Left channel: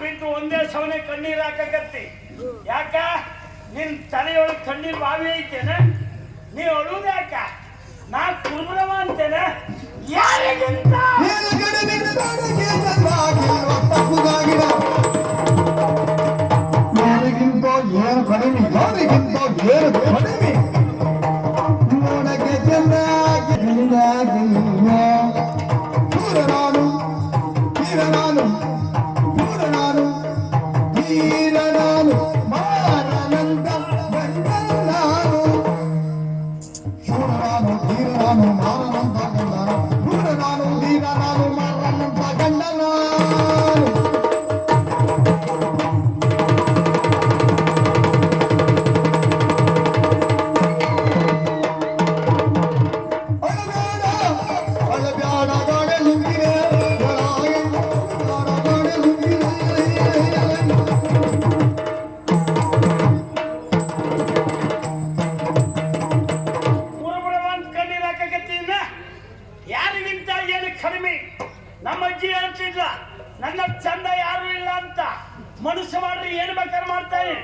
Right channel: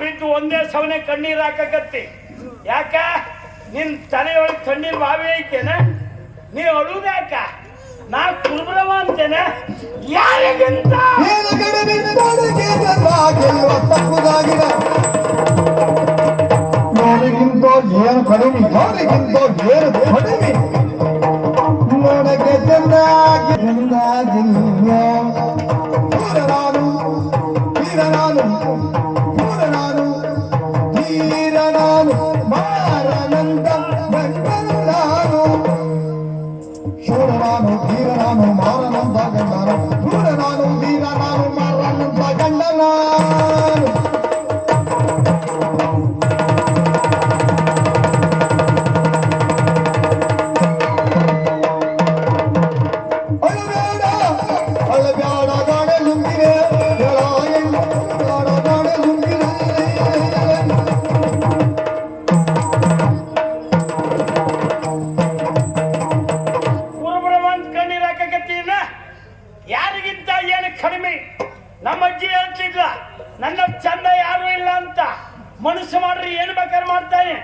ಬಿದ್ದು ಒಂದೇ ಸವನೆ ಕಣ್ಣೀರ್ ಹಾಕಕತ್ತಿ. ಯಾಕ? ನಿನ್ ತಲೆಯೊಳಗೆ ಕಣ್ಣೀರ್ ಬಾವಿ ಐತೇನ? ನೀ ಅಳುದ ಯಾಕ ನಾ ಕುರುಬ್ರವ ಅಂತೇನ? ಯಾರಿಗಿಂತ ತೀರ ನಾನು ಹೇಳ್ತಿದ್ಲ ನನ್ನ ಚಂದ ಯಾರು ಇಲ್ಲ ಅಂತ ಮನುಷ್ಯ ಮಾಡ್ರಿ ಏನ್ ಬೇಕಾದ್ರೆ ಮಾಡ್ತಾರೆ.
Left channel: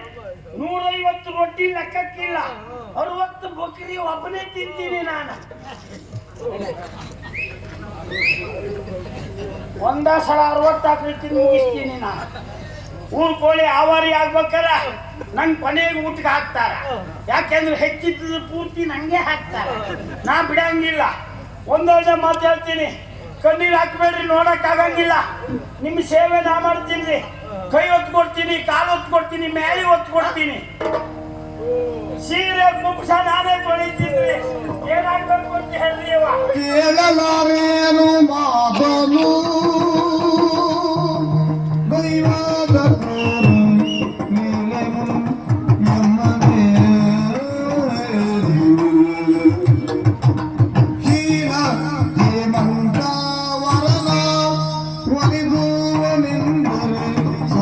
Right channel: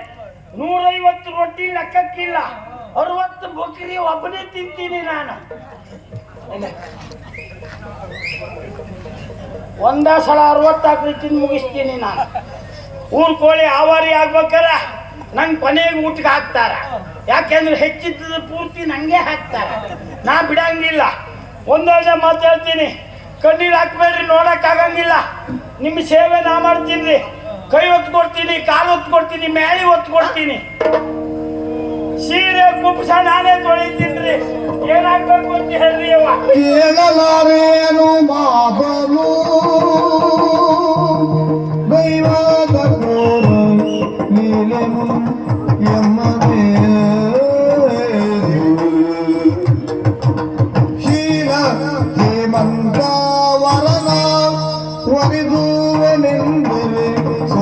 ನೂರೈವತ್ತು ರೊಟ್ಟಿ ಲೆಕ್ಕಕ್ಕಿಲ್ಲ. ಅರವತ್ತು ಬುಕ್ರಿ ಒಬ್ಬನೇ ತಿಂತೀನಿ ನಾನು. ಒಂದ ಸಲ ಅರವತ್ತಾಕ್ರಿ ತಿಂದು ಮುಗಿಸ್ತೀನಿ ನಾನು. ಊರ್ ಕೋಳಿ ಆವಾರಿ ಆಗ್ಬೇಕಾರ. ನಂಗೆ ಕೊನೆಗೆ ಊಟಕ್ಕೆ ಹಾಕ್ತಾರ. ಯಾಕೆಂದ್ರೆ ಹೆಚ್ಚಿದ್ದ ಪೂರ್ತಿ ನಂಗೆ ಹಾಕ್ತಾರ. ನಾ ಬಿಡಂಗಿಲ್ಲ. ಒಂದೊಂದೇ ಮಾತಾಡ್ತೀನಿ. ಕಣ್ಣೀರ್ ಹಾಕ್ಬೇಡ್ರಿ, ನೋಡಕ್ ಆಗಂಗಿಲ್ಲ. ನಿಮ್ಮ ಸೇವೆ ನಾ ಮಾಡ್ತೀನಿ. ಕೈ ಒತ್ತು ಕೊಡ್ತೀನಿ, ಕಾಲು ಒತ್ತು ಕೊಡ್ತೀನಿ, ಮ್ಯಾಲಿ ಒತ್ತು ಕೊಡ್ತೀನಿ. ಸೀರೆ, ಕುಪ್ಸ ನಾನೇ ತೊಳಿತೀನಿ ಏನಾಗ್ಬೇಕು ಅಂತ ಹೇಳ್ರಿ ಅವ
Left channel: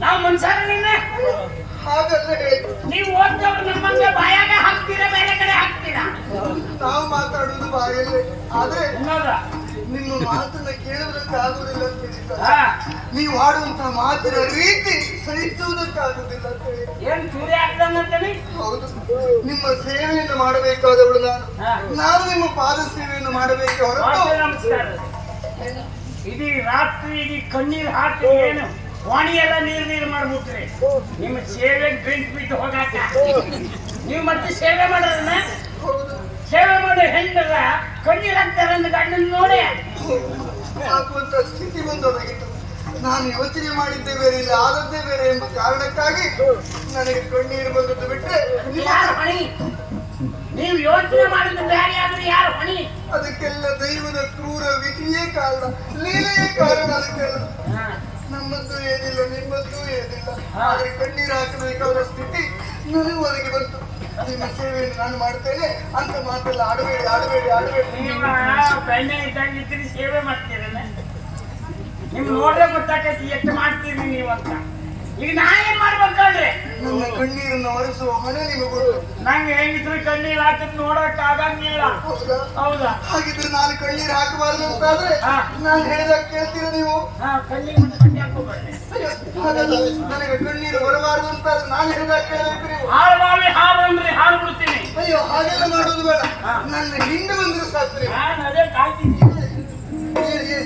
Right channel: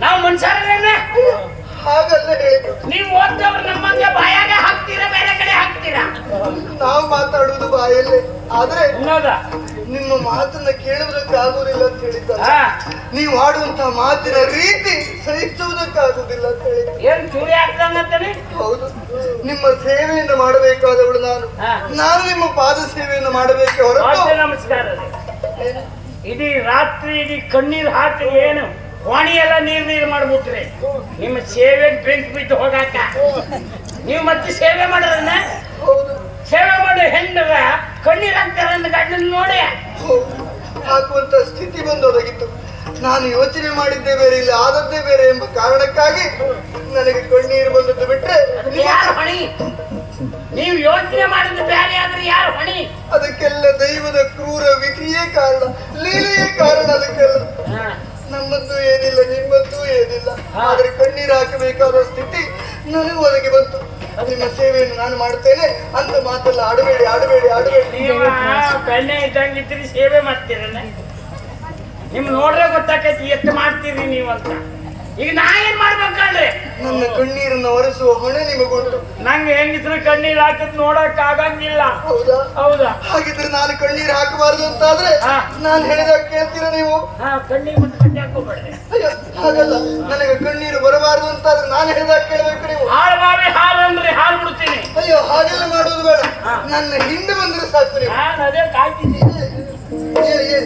ನಾವು ಮನುಷ್ಯರಲ್ಲ ಹಾಗಲ್ಲ. ನೀವು ಓದ್ದವ್ರು ನಮ್ಮಂಗೆ ಬಾಯಾಗ ಹಾಕ್ತೀರಾ ಬೇರೆ ಕಡೆ ಹಾಕ್ತೀರಾ? ನಾವು ಮಾತಾಡುವುದು ಬಾಯಲ್ಲಿ. ಆದ್ರೆ ನಿಮ್ಮ ಮಾತನ್ನ ಕೇಳುವುದಕ್ಕಾಗುವುದಿಲ್ಲ ಅಂತ ಹೇಳಿದ್ದಾರೆ ನೀವು ಆಡುವಂತ ಮಾತಿನ ರೀತಿ ಸಹಿಸುವುದಕ್ಕಾಗುವುದಿಲ್ಲ ಅಂತ ಹೇಳಿ ಏನ್ ಚೂರಿ ಹೌದು. ನಿಮ್ಮ ಸೇವೆಯನ್ನು ಮಾಡಬೇಕಾದವಳು ನಾನು. ನಾನು ನಿಮ್ಮ ಪಾದ ಸೇವೆಯನ್ನು ಮಾಡಬೇಕು ಹೊರತು ನಮಸ್ಕಾರ. ಇಡೀ ರಾತ್ರಿ ಇಡೀ ಕಣ್ಣೀರ್ ಹಾಕಿ ಏನು? ವಾಣಿ ಎಲ್ಲ ನೀರ್ ನೀರ್ ಮಾಡ್ಬಿಟ್ರಿ. ನಿಮ್ಮ ಸೇವೆಗೆ ಬೆಂಕಿ ಬಿದ್ದು ಹೋಗಾಕ. ನೀವು ಮತ್ತೆ ಸೇವೆ ಮಾಡೋದನ್ನ? ಸೇವೆ ಮಾಡಿ ಹೆಣ್ಣಗ ಕಣ್ಣೀರ್ ಹಾಕ್ತಾರ ಗಂಡನ ನೋಡಿ. ಹಾಕುವಂತ ಸ್ಥಿತಿ ಬಂದೋದಾಗಿತ್ತು. ನಾನು ಯೋಚನೆ ಮಾಡಿದ್ದೇ ಬೇರೆ ಇಲ್ಲ ಆದದ್ದೇ ಬೇರೆ ಎಂಬ ಕಾರಣಕ್ಕಾಗಿ ನನಗೆ ಕಣ್ಣೀರು ಬಂದದ್ದು ಬಿಟ್ರೆ ಯಾರು ಹಣಿ? ನೀವು ಯೋಚನೆ ಮಾಡಿದ್ದು ಬೇರೆ ಆದ್ರೆ ಯಾರು ಹಣಿ? ಅದಕ್ಕೆಲ್ಲ ದೈವದ ಕ್ರೂರ ವಿಧಿಯೇ ಕಾರಣ ಲೀಲೆಯೇ ಕಾರಣ ಅದಕ್ಕೆಲ್ಲ. ನಮ್ಮದ್ದು ಏನಿಲ್ಲ ನಿಮ್ಮದ್ದು ಏನಿಲ್ಲ. ಆದ್ರೆ ಕಣ್ಣೀರು ಹಾಕಬೇಕಾದ ಸ್ಥಿತಿ ನನಗೆ ಒದಗಿ ಬಂತು. ನಿಮ್ಮ ಸೇವೆಯನ್ನು ನಾನು ಮಾಡ್ತೇನೆ ಅಂತ ಮಾತೆಲ್ಲ ಆಡಬೇಡಿ ಆಡಬೇಡಿ ಆಡಬೇಡಿ. ನೀವು ಬೆಣ್ಣೆ ಇದ್ದಂಗಿದ್ರಿ ಸೇವೆ ಮಾಡ್ತೀರ ನಿಮ್ ನೋಡ್ರೆ ಗೊತ್ತಾಕೈತಿ ಎಷ್ಟು ಮಾಡ್ತೀರಿ ನೀವು ಅಂತ. ಈಗ ನಾ ಏನ್ ಮಾಡ್ಬೇಕಲ್ರಿ ನನ್ನ ಕಣ್ಣೀರನ್ನು ಒರೆಸುವ ಹೊಣೆ ನಿಮಗೊಟ್ಟು ನಂಗೆ ಹೆಂಗಿದ್ರು ಕಣ್ಣೀರ್ ಹಾಕಿದ್ ನೋಡಕ್ ಆಗಂಗಿಲ್ಲ ಹೌದಾ? ಹೌದಾ? ಹಾಗಿದ್ರೆ ನಾನು ಕಣ್ಣೀರು ಹಾಕಬಾರ್ದು ಅಂತಾದ್ರೆ ಹಾ. ನಾನು ಹೇಳಿದಾಗ ಕೇಳ್ತೀರ ನೀವು? ಹಾ ಮುಂದೆ ಕಣ್ಣಿ ಹಾಕೋಬೇಡ್ರಿ ಹಾಗಲ್ಲ. ನನಗೆ ಕಣ್ಣೀರು ಬರಬಾರದು ಅಂತಾದ್ರೆ ನಾನು ಹೇಳಿದಾಗ ಕೇಳಬೇಕು ನೀವು. ಹಾಳು ಬಾವಿ ಹಾಲು ಅಂದ್ರೆ ಹಾಲು ಬಿಡ್ತೀನಿ ಅಯ್ಯೋ ಹಾಗೆಲ್ಲ ಮಾಡೋದು ಬೇಡ. ನನ್ನ ಹಿಂದೆ ಬಂದ್ರೆ ಸಾಕು ನೀವು. ನಾನು ಅದೇ ಕಾಯ್ತಿದ್ದೀನಿ ಏ, ಏ,